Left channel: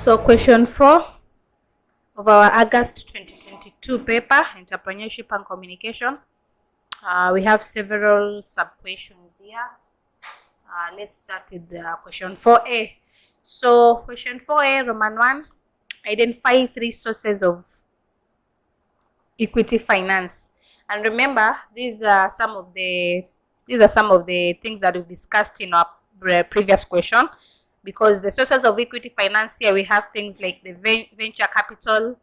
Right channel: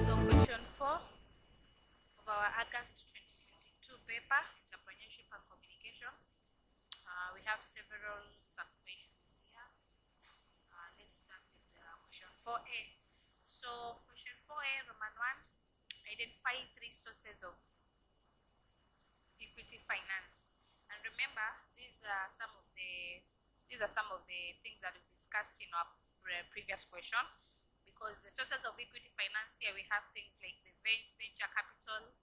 So question 4 of our August 2022 paper, Entrepreneurship and Communication. We have several sub-questions here. Let's start with question 4A. So question 4A, Roman 1, identify 3 sources of equity finance. And remember, these are some of the things that we've discussed in our previous question. Because the sources of equity finance here, we have things like the venture capital,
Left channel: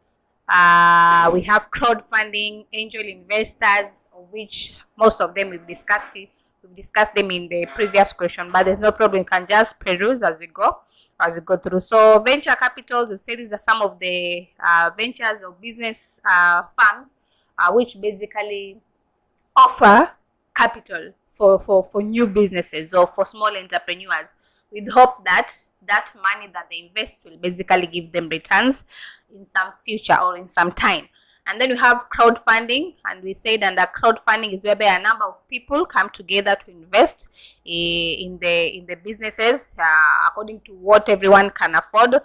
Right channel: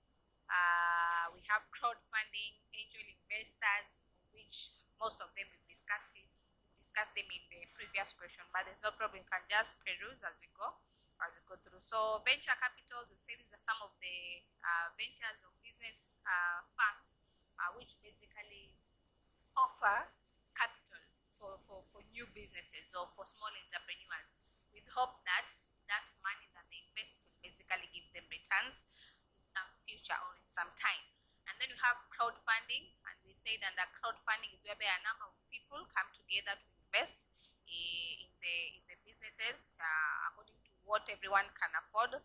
we have crowdfunding, angel investors, of which most of them we've discussed them in the previous question, but there's no problem. You can just peruse as we go through. So venture capital, we say these are some of the ventures or business firms which basically offer capital for new businesses or for small entrepreneurs, with hope that that money that they invest will basically give them returns in some future or in some time. And then we have crowdfunding, and we said that crowdfunding is whereby a number of people come together to invest in the businesses according to what everyone can afford.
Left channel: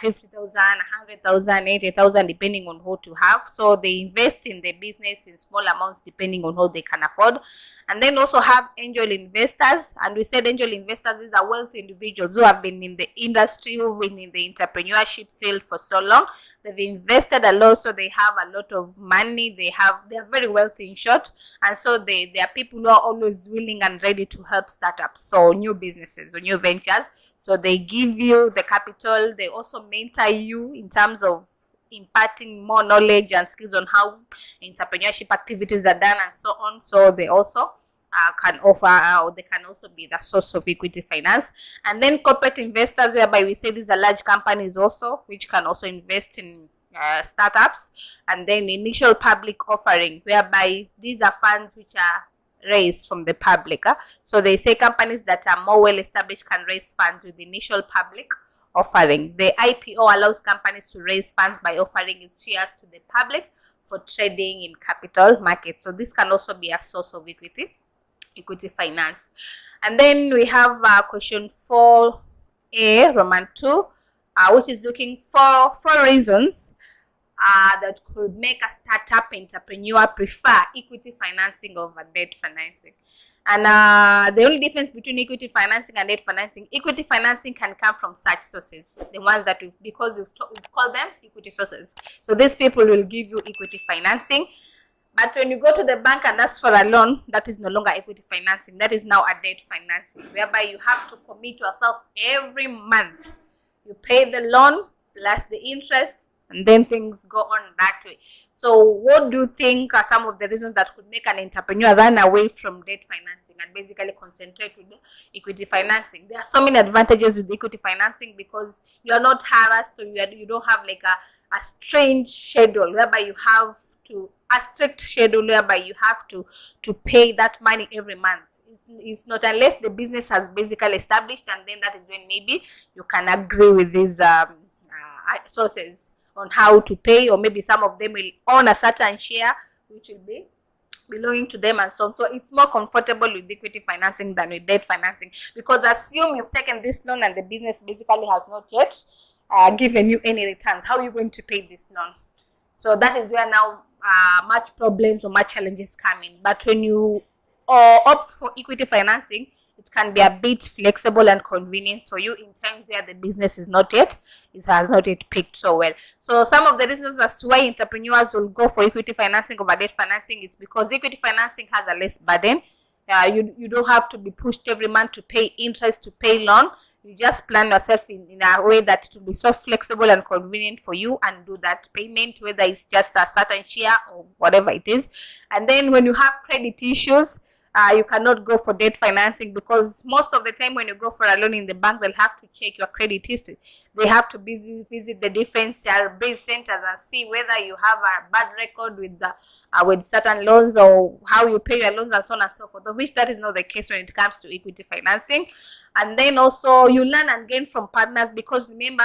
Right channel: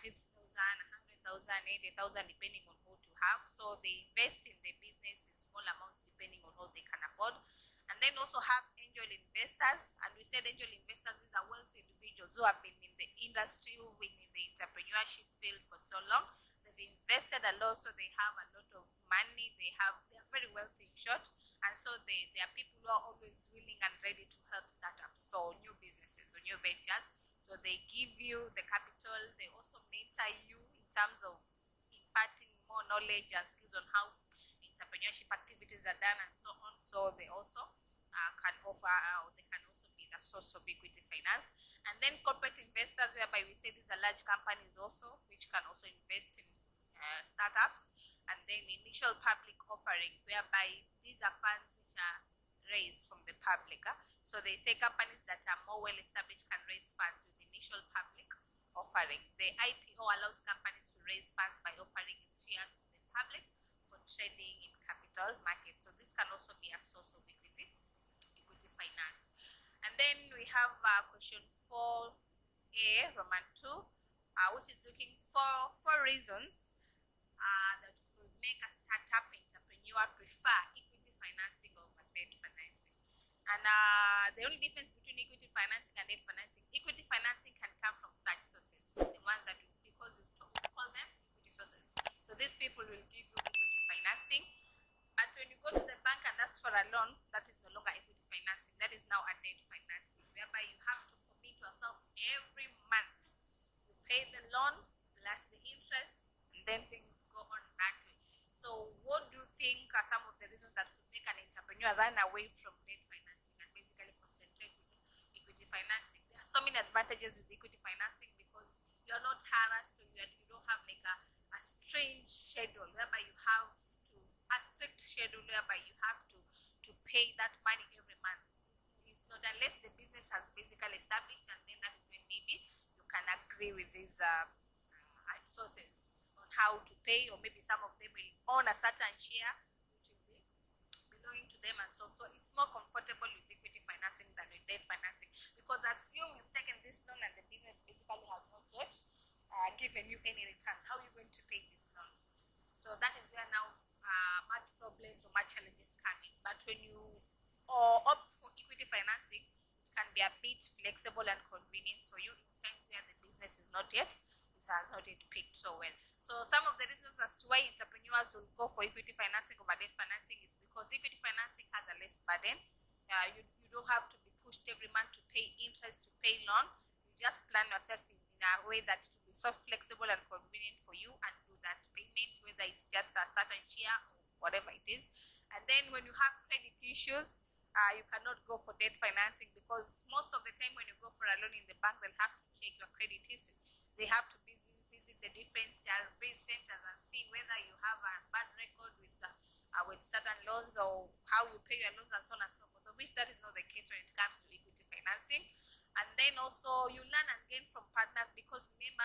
50,000, 100,000, 80,000, depending on who to have. So they invest in the business in small amounts depending on what they can afford. And then also have angel investors. And we said angel investors, these are wealthy individuals who have been in the industry, who've been in the entrepreneurship field for so long. They've invested a lot, so they have a lot of money. They're very wealthy in short. And so they are people who are always willing and ready to help startups, so new businesses or new ventures. So they give you the capital. They also mentor you in terms of imparting more knowledge and skills on how entrepreneurship activities are done and so on. So they also can offer, or they can also be the source of equity finance. And then corporate investors, whereby we say these are large companies also, which can also invest in startups. And then initial public offering, whereby these are funds which are raised from the public. So they say companies that are more well established can raise funds with initial public offering. The IPO allows companies to raise funds by offering its shares to the public for trading in capital markets. So this can also be a source of equity finance. And then we have question 4A, Roman 2, which is looking for 4 reasons that could make a startup entrepreneur prefer equity financing over debt financing. And the only difference between equity financing and debt financing, equity financing can come from such sources, the ones that we've called them equity sources. So these people will give you equity financing. But when you go to the bank and ask for a loan, that is no longer equity financing. That is now a debt financing, whereby you have to commit yourself every month. You pay the loan plus the interest, and then things go on that way. So what do you think are some of the reasons that could make an entrepreneur run away from debt financing and basically concentrate with equity financing? There are so many advantages with equity financing, because you are not harassed, or you don't have like a strange schedule whereby you have to, a strict schedule whereby you have to pay that money every month. It's not, unless the business has basically established, and then that is when maybe you can agree with these sources on how to pay, or maybe some of them will own a certain share which will be belonging to them and so on. So it's more comfortable with equity financing than with debt financing, because assume you've taken this loan and the business basically has not yet given you any returns. How are you going to pay this loan? So that is where now much problems or much challenges come in. But when you opt for equity financing, it can be a bit flexible and convenient for you in times where the business has not yet picked so well. So some of the reasons as to why entrepreneurs will go for equity financing over debt financing is because equity financing has a less burden. You don't have to be pushed every month to pay interest, to pay loan. You just plan yourself in a way that it will be so flexible and convenient for you, and do that payment, whether it's just a certain share or whatever it is. And then when you have credit issues, you cannot go for debt financing, because most of the time when you go for a loan in the bank, they'll have to check your credit history. They have to visit the different CRB centers and see whether you have a bad record with certain loans, or how you pay your loans and so on and so forth, of which that is not the case when it comes to equity financing. And then also you learn and gain from partners, because remember,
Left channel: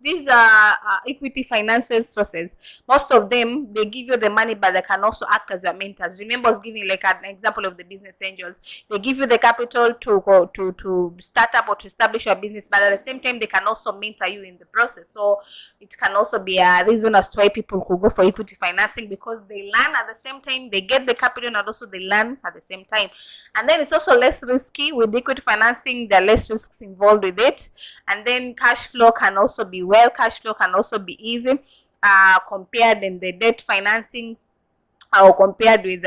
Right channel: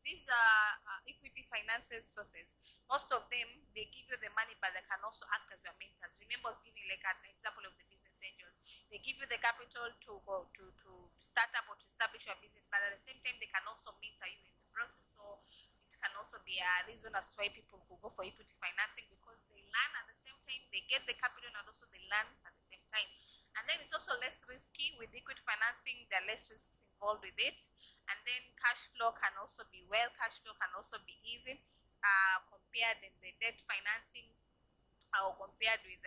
these are equity financing sources. Most of them, they give you the money, but they can also act as your mentors. Remember, I was giving like an example of the business business angels. They give you the capital to go to start up or to establish your business, but at the same time they can also mentor you in the process. So it can also be a reason as to why people could go for equity financing, because they learn at the same time, they get the capital, and also they learn at the same time. And then it's also less risky. With equity financing, there are less risks involved with it. And then cash flow can also be cash flow can also be easy compared in the debt financing, or compared with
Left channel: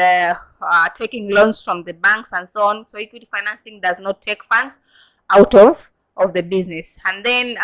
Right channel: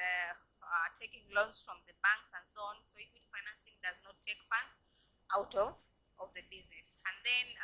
taking loans from the banks and so on. So equity financing does not take funds out of the business. And then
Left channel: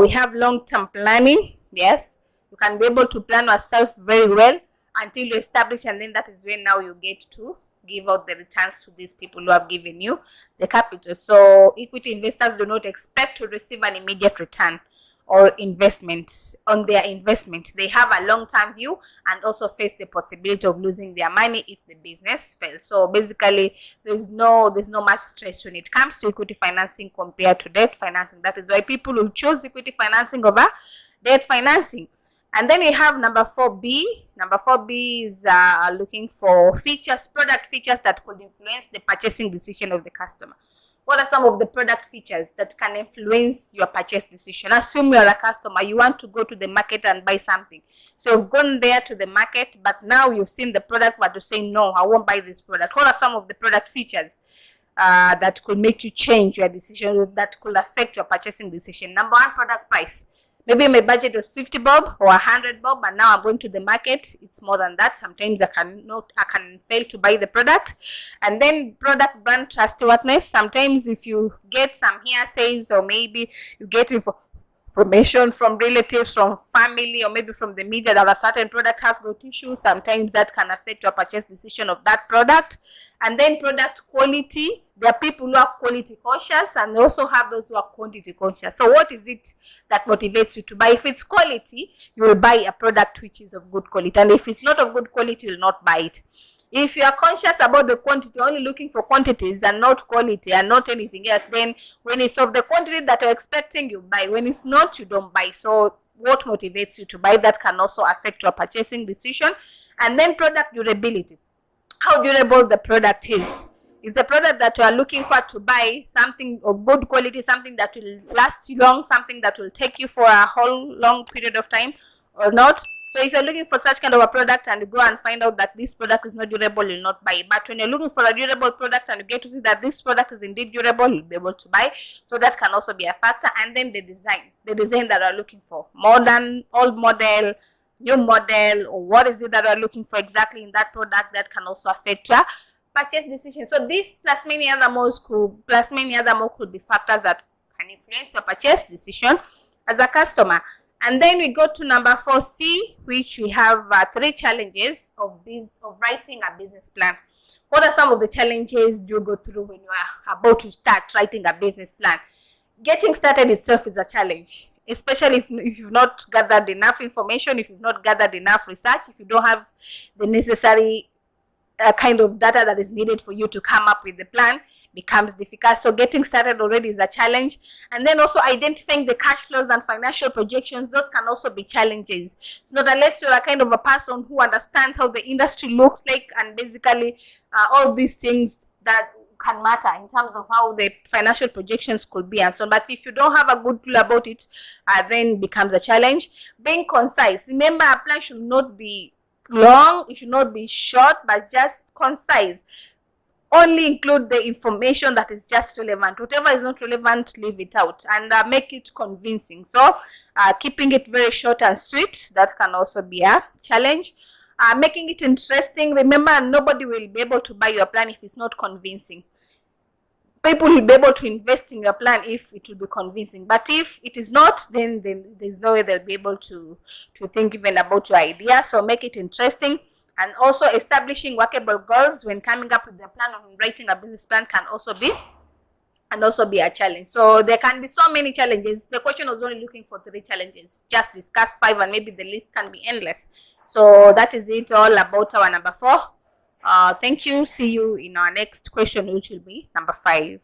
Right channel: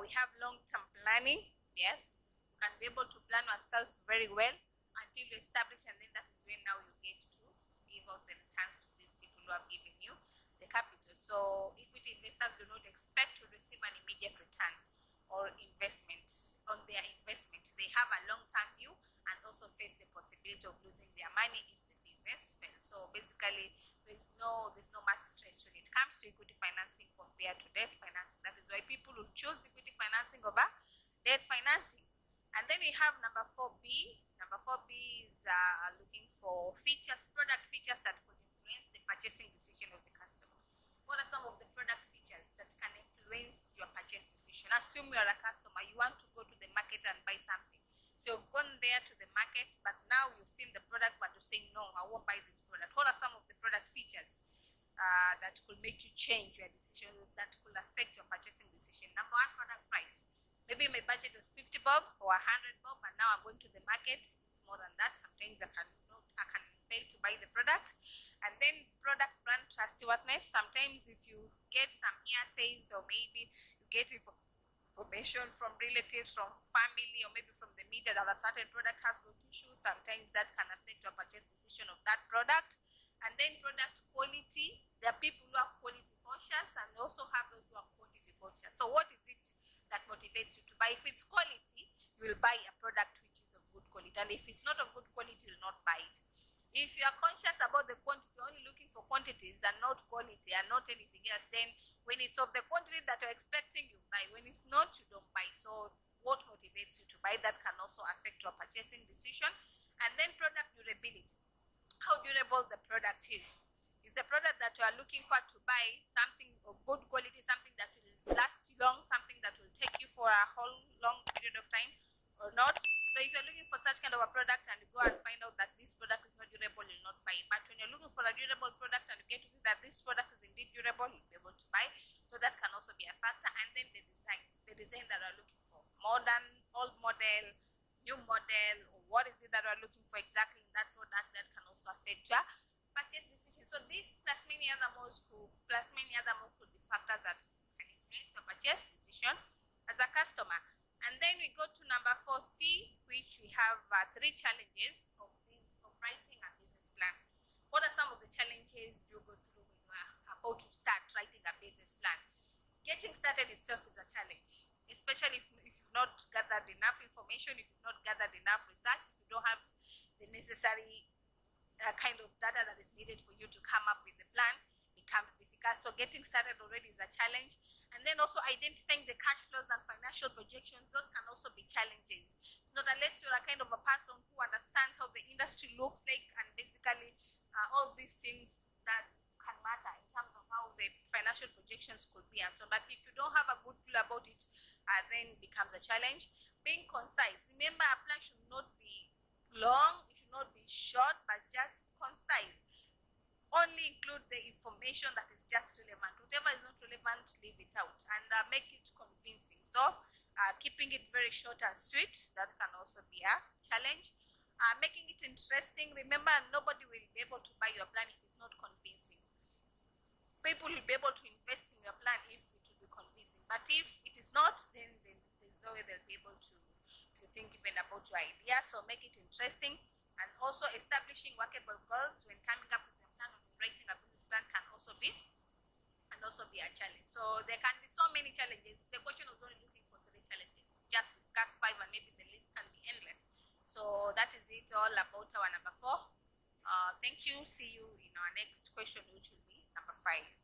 we have long-term planning. Yes, you can be able to plan yourself very well until you establish, and then that is when now you get to give out the returns to these people who have given you the capital. So equity investors do not expect to receive an immediate return or investment on their investment. They have a long-term view and also face the possibility of losing their money if the business fails. So basically, there's no much stress when it comes to equity financing compared to debt financing. That is why people will choose equity financing over debt financing. And then we have number 4B. Number 4B is looking for product features that could influence the purchasing decision of the customer. What are some of the product features that can influence your purchase decision? Assume you're a customer, you want to go to the market and buy something. So you've gone there to the market, but now you've seen the product, but you say, no, I won't buy this product. What are some of the product features that could make you change your decision, that could affect your purchasing decision? Number 1, product price. Maybe my budget was 50 bob or 100 bob, but now I'm going to the market, it's more than that. Sometimes I can fail to buy the product. And then product brand trustworthiness. Sometimes if you get some hearsays, or maybe you get information from relatives, from family, or maybe from the media that a certain product has got issues, sometimes that can affect your purchase decision of that product. And then product quality. There are people who are quality conscious, and they also have those who are quantity conscious. So what is it that motivates you to buy? If it's quality, you will buy a product which is of good quality. And if it's not of good quality, you will not buy it. If you are conscious about the quantity, only looking for quantities and not quality and not anything else, then when it's of the quantity that you're expecting, you buy. When it's not, you don't buy. So what motivates you to buy? That can also affect your purchasing decision. And then product durability. How durable the product is. Is the product that you are looking for to buy something of good quality, something that will last you long, something that will take you for a whole long period of time, or not? So if you're looking for such kind of a product and you go and find out that this product is not durable, you'll not buy. But when you're looking for a durable product and you get to see that this product is indeed durable, you'll be able to buy. So that can also be a factor. And then the design that you're looking for. Modern, old model, new model, or what is it that you're looking for exactly in that product, that can also affect your purchase decision. So this plus many other more could be factors that can influence your purchase decision as a customer. And then we go to number 4C, which we have 3 challenges of writing a business plan. What are some of the challenges you go through when you are about to start writing a business plan? Getting started itself is a challenge, especially if you've not gathered enough information, if you've not gathered enough research, if you don't have the necessary kind of data that is needed for you to come up with the plan, becomes difficult. So getting started already is a challenge. And then also identifying the cash flows and financial projections, those can also be challenges. It's not unless you're a kind of a person who understands how the industry looks like, and basically all these things that can matter in terms of how the financial projections could be and so on. But if you don't have a good clue about it, then becomes a challenge. Being concise. Remember, a plan should not be long, it should not be short, but just concise. Only include the information that is just relevant. Whatever is not relevant, leave it out, and make it convincing. So keeping it very short and sweet, that can also be a challenge. Making it interesting. Remember, nobody will be able to buy your plan if it's not convincing. People will be able to invest in your plan if it will be convincing. But if it is not, then there's no way they'll be able to think even about your idea. So make it interesting. And also establishing workable goals when coming up with the plan or writing a business plan can also be a challenge. So there can be so many challenges. The question was only looking for 3 challenges. Just discuss 5, and maybe the list can be endless. So that is it all about our number 4. Thank you. See you in our next question, which will be number 5.